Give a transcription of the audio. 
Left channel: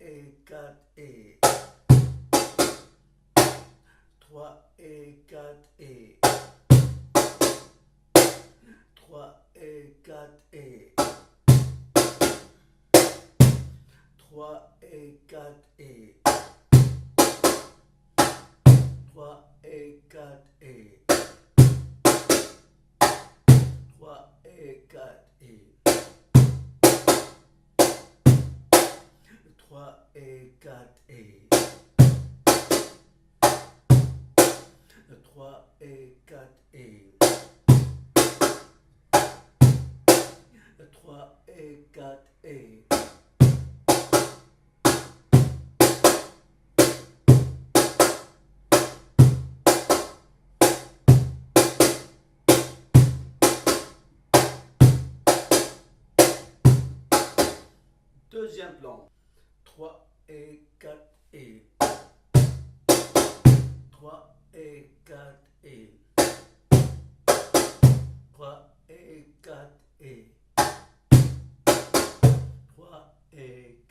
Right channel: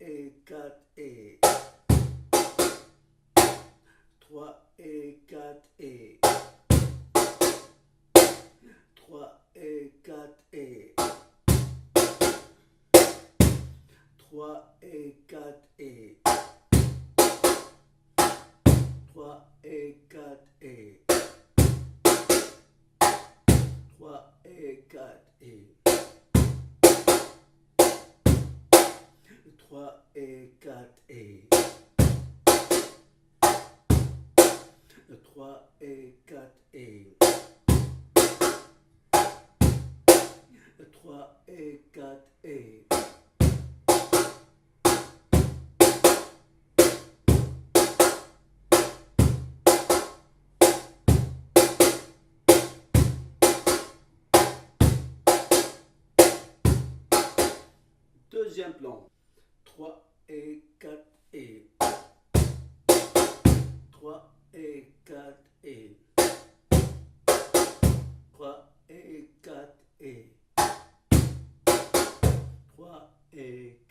et 4 et 3 et 4 et 3 et 4 et 3 et 4 et 3 et 4 et 3 et 4 et 3 et 4 et 3 et 4 et 3 et 4 et 2e plan. 3 et 4 et 3 et 4 et 3 et 4 et 3 et